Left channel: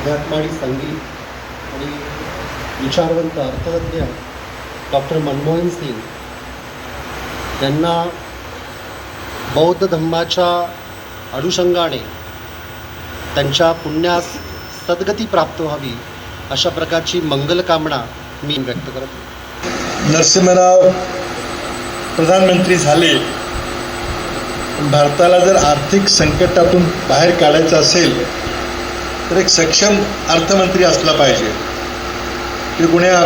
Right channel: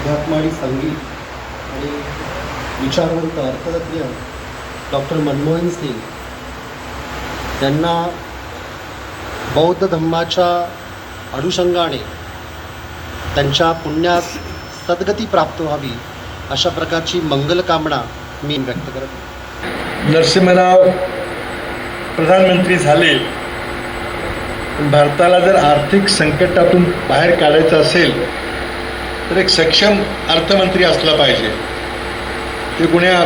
अध्यात्म आणि संगीत आणि विचारवंत अर्थतज्ञ डॉक्टर मनमोहन सिंग त्यांना बौद्ध धम्माच्या अनुषंगाने त्यांच्या पुण्यास सद्गती प्राप्त व्हावी अशा प्रकारची मंगल कामना मी व्यक्त करतो नरसिंहराव प्रधानमंत्री झाले. पण भारताला जर आर्थिक संकटातून बाहेर काढायचं असेल तर एक सक्षम अर्थमंत्री असला पाहिजे. ते कुण्या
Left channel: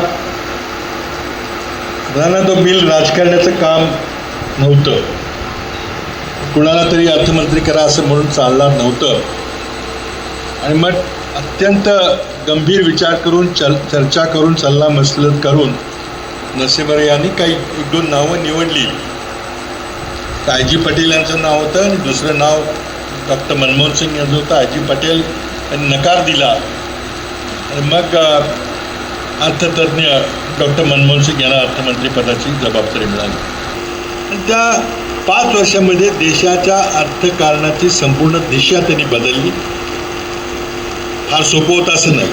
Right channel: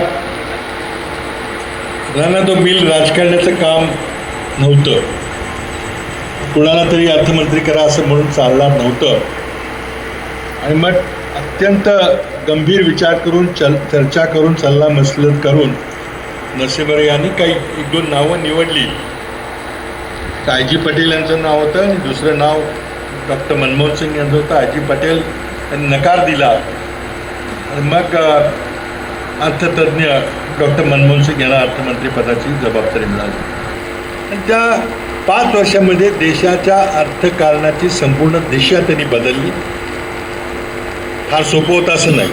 रन द बिल राजकारणाचं काम नव्हतं. कुणाला तरी अर्थमंत्री करा असं म्हणून चालणार नव्हतं. आणि मग अत्यंत गंभीर विचार करून चल चर्चा करून सल्ला मसलत करून नरसिंहराव यांनी काही एक दोन नावं निवडली. आयजी पटेल यांचं नाव होतं आणि दुसरं नाव डॉक्टर मनमोहन सिंग यांचं होतं. आयजी पटेल त्यांनी नकार दिला. मग अर्थतज्ञ डॉक्टर मनमोहन सिंग यांना अर्थमंत्रीपदाची जबाबदारी मिळाली. आणि त्या पाच वर्षामध्ये देशाच्या अर्थकारणाची संपूर्ण दिशा त्यांनी बदलली. फार सोपं होतं असं नाही.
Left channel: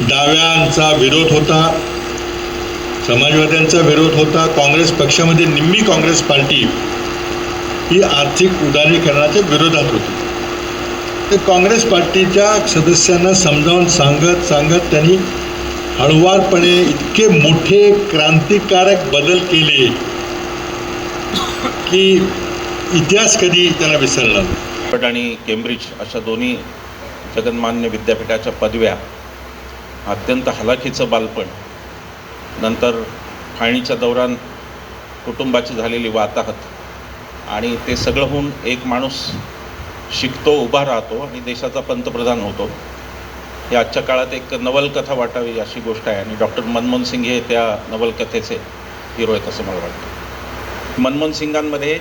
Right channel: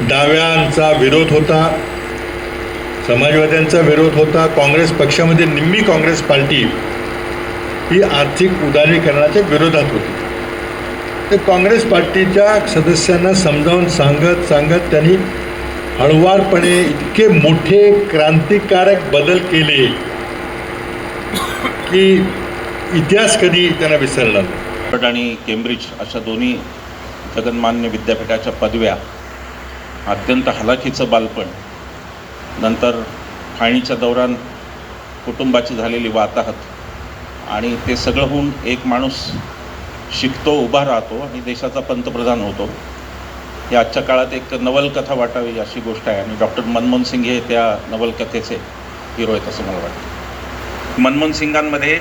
डाव्यांचा विरोध होता समाजवाद्यांचा विरोध होता काँग्रेस पक्षामध्ये निम्मी काँग्रेस पार्टी ही आर्थिक उदारीकरणाच्या विरोधात होती. तर काँग्रेस पार्टीच्या सदस्यांना समजावून सांगत सांगत त्यांनी हळुवारपणे इतके मोठे क्रांतिकारक बदल केले की इतिहास कधी त्यांना विसरला नाही. आणि केम्ब्रिज अशा दोन्ही जगन्मान्य विद्यापीठाच्या पदव्या अत्यंत हलाखीचं बालपण नंतर खाणीच्या दौरान कुटुंबाची झालेली वाताहत आणि ते सगळं होऊन एक माणूस शिकतो उभा राहतो आणि देशाचा पंतप्रधान होतो. या आजच्या काळात एक नवलकथा वाटावी अशी गोष्ट आहे आणि डॉक्टर मनमोहन सिंग हे त्या नवलकथेचे हिरो आहेत असं मला वाटतं. मनमोहन सिंगांमध्ये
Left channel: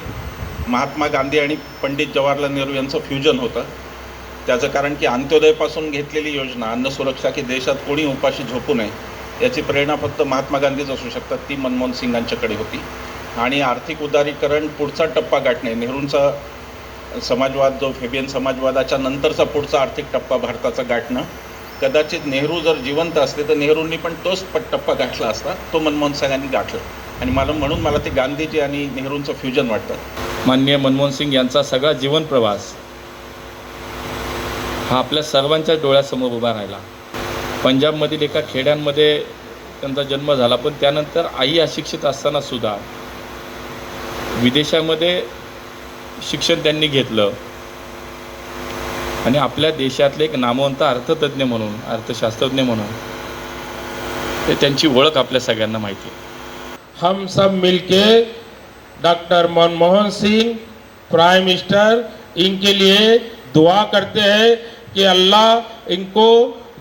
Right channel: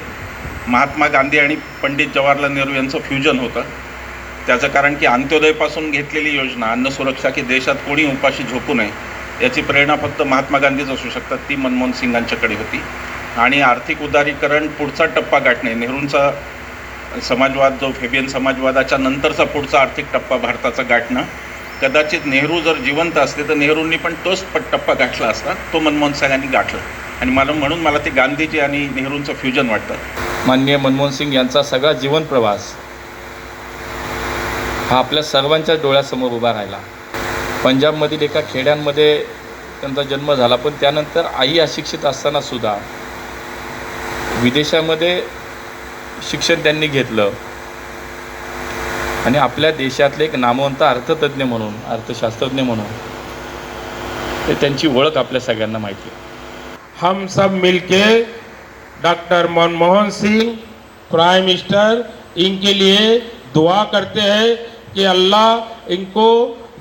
महात्मा गांधी आणि पंडित जवाहरलाल नेहरू यांचं फ्युजन होतं. त्याचं कारण की अंत्योदयपासून घेतलेली योजना अन्न सुरक्षा की देशात कोणी उपाशी झोपू नये याची प्रेरणा फक्त महात्मा गांधीच असू शकतात ती मनमोहन सिंगांच्याकडे होती. आणि आर्थिक उदारीकरण पुढचा टप्पा गाठणे नेहरूंचा समाजवाद जो फेबियन समाजवादाच्या नंतरचा पुढचा आर्थिक टप्पा भारताचा गाठणं. कदाचित नेहरू जर जिवंत असते तर नेहरूंनी पण तोच टप्पा गाठला असता तो मनमोहन सिंगांनी गाठला. आणि मला म्हणून मला ते गांधीजी आणि नेहरूंचं फ्युजन वाटतं. माननीय मनमोहन सिंग यांचा सगळा जीवन प्रवास हा आपल्या सर्वांच्या डोळ्यासमोर उभा राहिला. पंजाबमधील एका खेड्यांमध्ये त्यांचा जन्म झाला पण त्यानंतर आई अशिक्षित असताना सुद्धा विदेशामध्ये शिक्षण त्यांनी घेतलं. आणि आपल्या देशातले एक नामवंत अर्थतज्ञ म्हणून अर्थशास्त्रज्ञ म्हणून ते त्यांची ओळख आपल्या सगळ्यांना माहिती आहे. हम सब मिलके doctor Manmohan Singh prime minister इनके लिए दुआ करते हैं कि अल्लाह इनको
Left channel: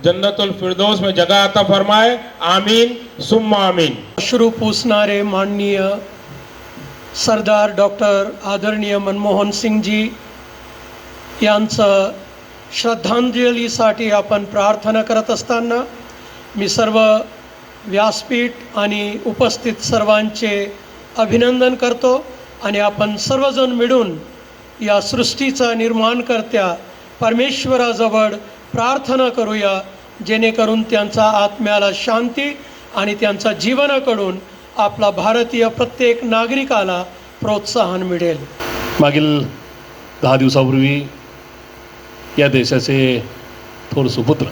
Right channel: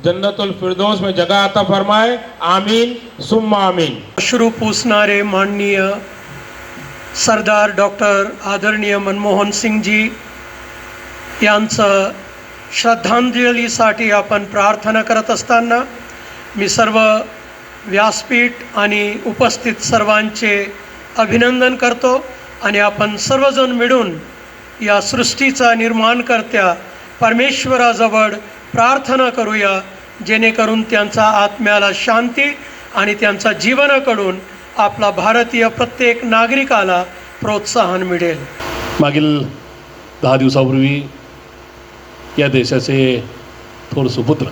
जन्नतुल फिरदौस में जगह अता फरमाए। आमीन सुम्मा आमीन। अश्रू पुसणारे माननीय सरदार डॉक्टर आदरणीय मनमोहन सिंगजी यांचं श्रद्धांजलीसाठी आपण प्रार्थना करत असताना मी सर्व व्यासपीठ आणि उपस्थित सर्वांचे अभिनंदन करतो आणि आपण सर्वजण मिळून या सृष्टीचा निर्माणकर्त्या परमेश्वराजवळ प्रार्थना करूया जेणेकरून त्यांचा आत्म्याला शांती आणि त्यांचा जीवनाकडून आपला भारतीय प्रत्येक नागरिकाला प्रोत्साहन मिळेल. मागील दहा दिवसापूर्वी या देशाचे थोर सुपुत्र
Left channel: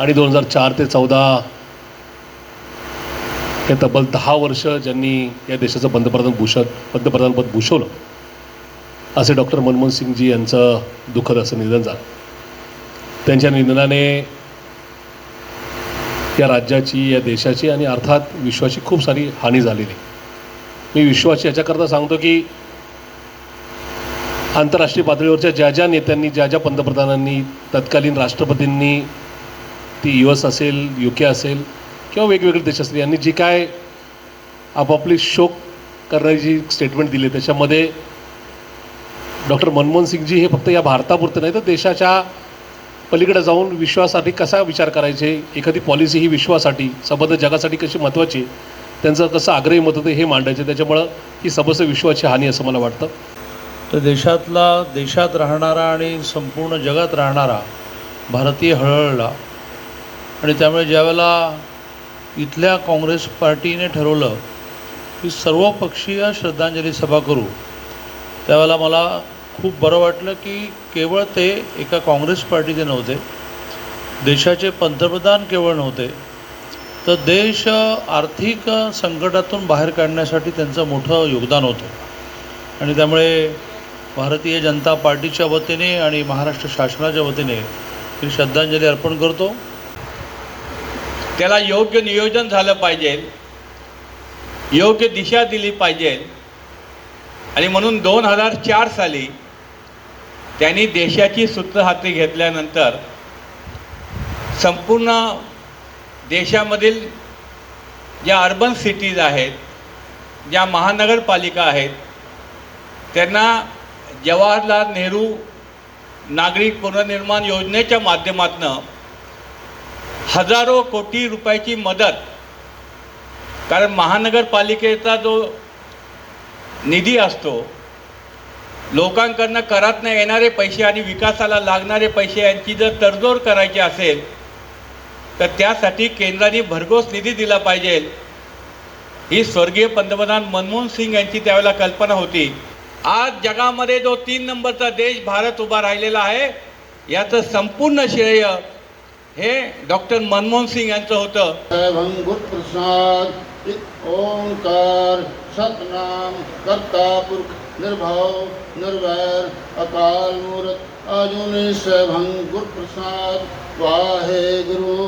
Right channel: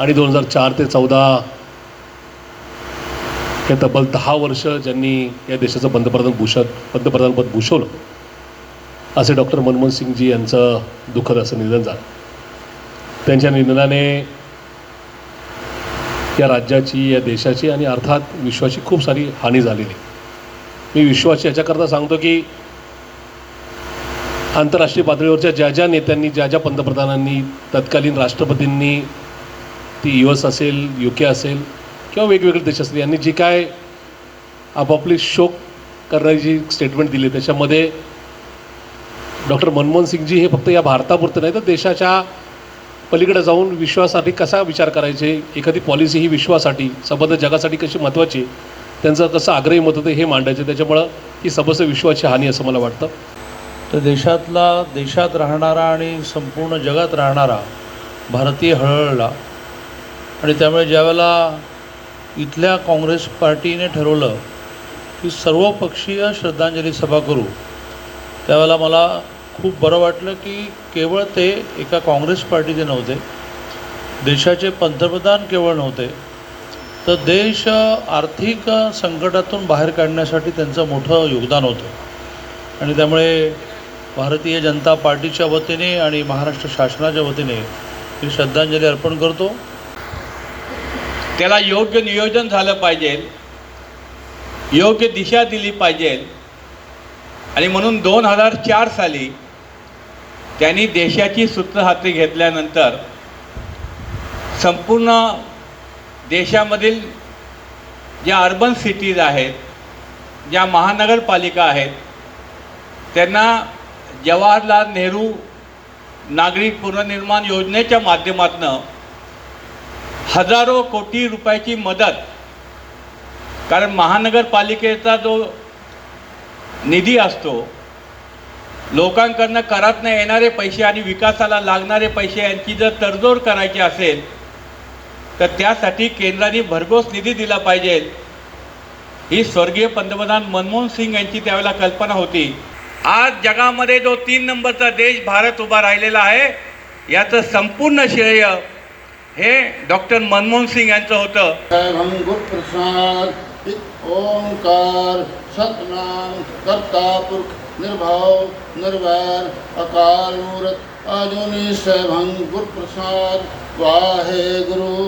आणि दोन हजार चार ते चौदा हे तब्बल दहा वर्ष ज्यांनी या देशाचं पंतप्रधान भूषण पंतप्रधानपद भूषवलं असे डॉक्टर मनमोहन सिंगजी यांचं दुःखद असं निधन झालं. त्यांच्या निधनाने या राज्याची या देशाची आणि अर्थात विश्वाची खूप सारी हानी झालेली आहे. मी विश्वाची याच्याकरता सांगतो की आंतरराष्ट्रीय पातळीवरच्या ज्या ज्या नेत्यांनी ज्या ज्या पंतप्रधानांनी तत्कालीन राष्ट्रपतींनी ती यू एस असेल यू के असेल किंवा वेगवेगळे देश असतील यांनी जी काय आपापली शोक करणारी जी स्टेटमेंट दिली त्याच्यामध्ये डॉक्टर मनमोहन सिंगजी हे फक्त या भारतापुरतं नाही तर देशाच्या पलीकडे जाऊन विश्वासाठी कसा विचार करायचे? एखादी पॉलिसी ही विश्वासाठी संबंध जगासाठी कशी महत्त्वाची त्यांचं कसं आग्रही मत होते हे मांडायचे. त्याच्यामुळं ही समस्त विश्वाची हानी असं मला वाटतं. तर देशातला देशात राहणारा आणि संपूर्ण जगात राहणारा भारतीय हळहळला आणि त्यामुळे ज्यावेळेला इथल्या काँग्रेस पार्टीने ठरवलं की सर्वपक्षीय श्रद्धांजली सभा करू त्यावेळेला मला खूप बरं वाटलं की केवळ ते एका काँग्रेस पार्टीचे नव्हते देशाचे पंतप्रधान केवळ नव्हते तर देश आर्थिक संकटातून बाहेर काढण्यासाठी त्यांचं मोठं योगदान होतं. आणि त्यामुळे भारतीय जनता पार्टीच्या वतीने आणि महाराष्ट्र शासनाच्या वतीने मी श्रद्धांजली अर्पण करतो. त्याला योग्य नियोजन झालं पाहिजे योग्य दिशा दिली पाहिजे. आणि म्हणून दोन हजार चार साली त्यांनी देशाची सूत्र हाती घेतल्यानंतर संपूर्ण देशामधील ज्या अर्बन सिटीज आहेत ज्या महानगरपालिका आहेत त्यांना जवाहरलाल नेहरू नागरिक पुनर्निर्माण योजनेच्या माध्यमातून हजारो कोटी रुपयाची मदत कारण महानगरपालिकेचा जो निधी असतो लोकांकडनं करातनं येणारे पैसे आणि विकासाला लागणारे पैसे यांची जर तडजोड करायची असेल तर त्यासाठी केंद्राने भरघोस निधी दिला पाहिजे. ही स्वर्गीय पंतप्रधान मनमोहन सिंग यांची त्यावेळेला कल्पना होती. आज जगामध्ये जो तीन नंबरचा देश भारत उभा राहिलेला आहे याचं संपूर्ण श्रेय हे डॉक्टर मनमोहन सिंग यांचं होतं. ओंकार सतनाम करता पुरुष ਨਿਰਭਉ ਨਿਰਵੈਰ ਅਕਾਲ ਮੂਰਤ ਅਜੂਨੀ ਸੈਭੰ ਗੁਰ ਪ੍ਰਸਾਦ ਵਾਹਿਗੁਰੂ